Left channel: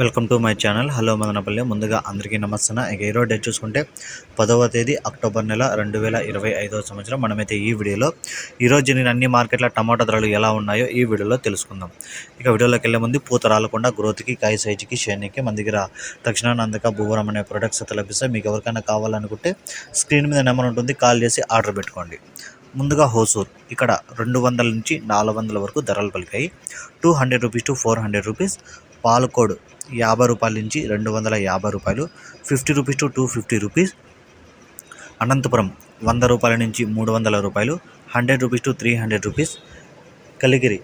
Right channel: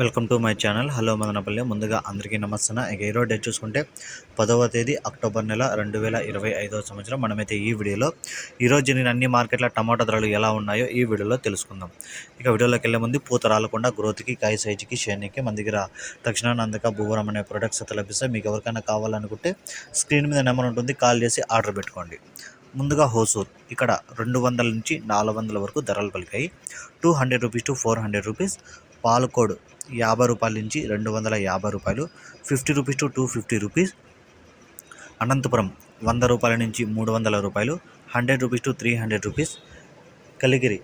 Welcome to my channel. Hello Madanapalle. ముందుగా అందరికీ నమస్తే ఇక ఈరోజు డేట్ చూసుకుంటే పదవ తేదీ అక్టోబర్ నెల రెండు వేల ఇరవై ఐదవ సంవత్సరం. మనమైతే ఈ వీడియోలో ఈరోజు జరిగిన అన్ని మార్కెట్ల టమాటా ధరలు ఎలా ఉన్నాయో ఈ వీడియోలో తెలుసుకుందాం. ఇక వీడియోలోకి వెళ్ళే ముందు పూత రాలకుండా గ్రోత్కి కాయ సైజుకి షేర్నికి మన దగ్గర తక్షణ నందక భూవరం అనే ప్రొడక్ట్స్ అయితే లభిస్తాయి మీకు ఎవరికైనా కావాలనుకుంటే స్క్రీన్ మీద నెంబర్ ఉంటుంది. కాల్ చేసి ఆర్డర్ పెట్టుకోండి. ముందుగా హోసూర్ ఇక్కడ రెండు వందల నుంచి నాలుగు వందల వరకు ధరలు పలికాయి. Two hundred rupees to four hundred rupees. Palakode యాభై రూపాయల నుంచి రెండు వందల యాభై రూపాయలు. Fifty rupees to two fifty rupees. Anantapur వంద రూపాయల నుంచి మూడు వందల రూపాయలు. Hundred rupees to three hundred rupees. Kaligiri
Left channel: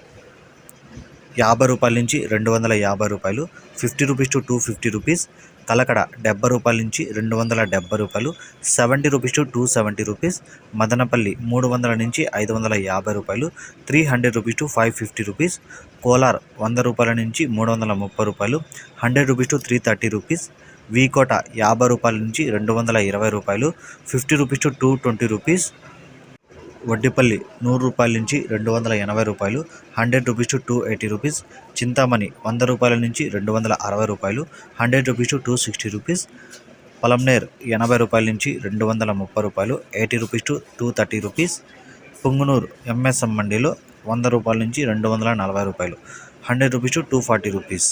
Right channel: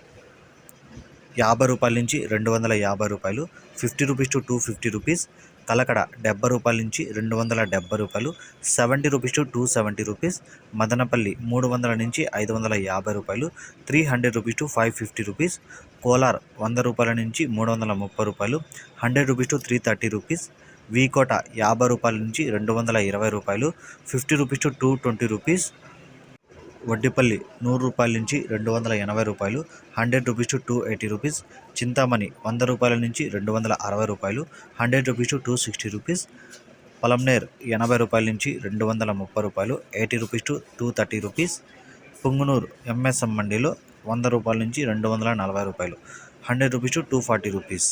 యాభై రూపాయల నుంచి రెండు వందల యాభై రూపాయలు. Fifty rupees to two fifty rupees. Kalakada డెబ్బై రూపాయల నుంచి రెండు వందల డెబ్బై రూపాయలు seventy rupees to two seventy rupees Madanapalle మూడు వందల నుంచి ఐదు వందల యాభై రూపాయలు three hundred rupees to five fifty rupees Kolar వంద రూపాయల నుంచి మూడు వందల ముప్పై రూపాయలు hundred rupees to three thirty rupees V Kota యాభై రూపాయల నుంచి రెండు వందల ఇరవై రూపాయలు fifty rupees to two twenty rupees Vaddipalli నూరు రూపాయల నుంచి రెండు వందల ఎనభై రూపాయలు hundred rupees to two eighty rupees Chintamani వంద రూపాయల నుంచి రెండు వందల అరవై రూపాయలు hundred rupees to two sixty rupees Palamaner ఎనభై రూపాయల నుంచి రెండు వందల ముప్పై రూపాయలు eighty rupees to two thirty rupees Punganur MSM మండీలో వంద రూపాయల నుంచి రెండు వందల నలభై రూపాయలు hundred rupees to two forty rupees.